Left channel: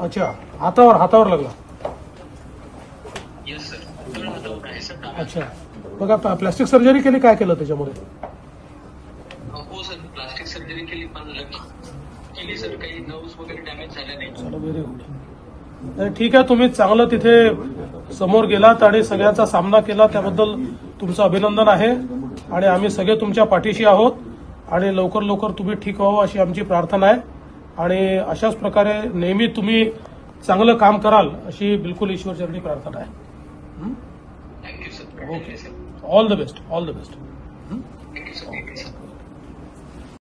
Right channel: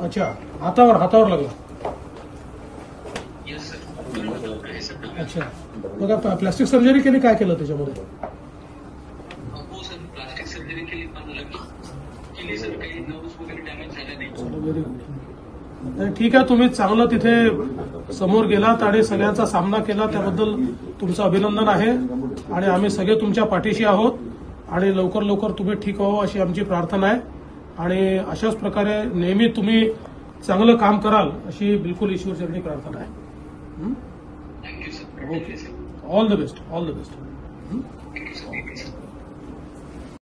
अच्छा, हातावर लागला. येस सर, हातावर आहे सर. अच्छा, मग प्लास्टिक सर्जरी केली, काय केलं त्याच्यामध्ये? हो सर, प्लास्टिक सर्जरी केली, पण केली सर, काही नर्व्स वगैरे डॅमेज झाल्या नाही. चला, व्हेरी गुड. ठीक आहे, तुम्ही चांगलं तिथे समोर गेलात आणि सगळ्यांचा सामना केला, त्याबद्दल तुमचं अभिनंदन आहे. आणि आम्ही सगळे तुमच्या पाठीशी आहोत आणि लवकर तुम्ही ठीक व्हावं अशी आमची प्रार्थना आहे. आणि अशाच प्रकारे नेहमी तुम्ही चांगलं काम कराल अशी बिलकुल ईश्वरचरणी प्रार्थना आहे. Thank you sir. Okay, all the best.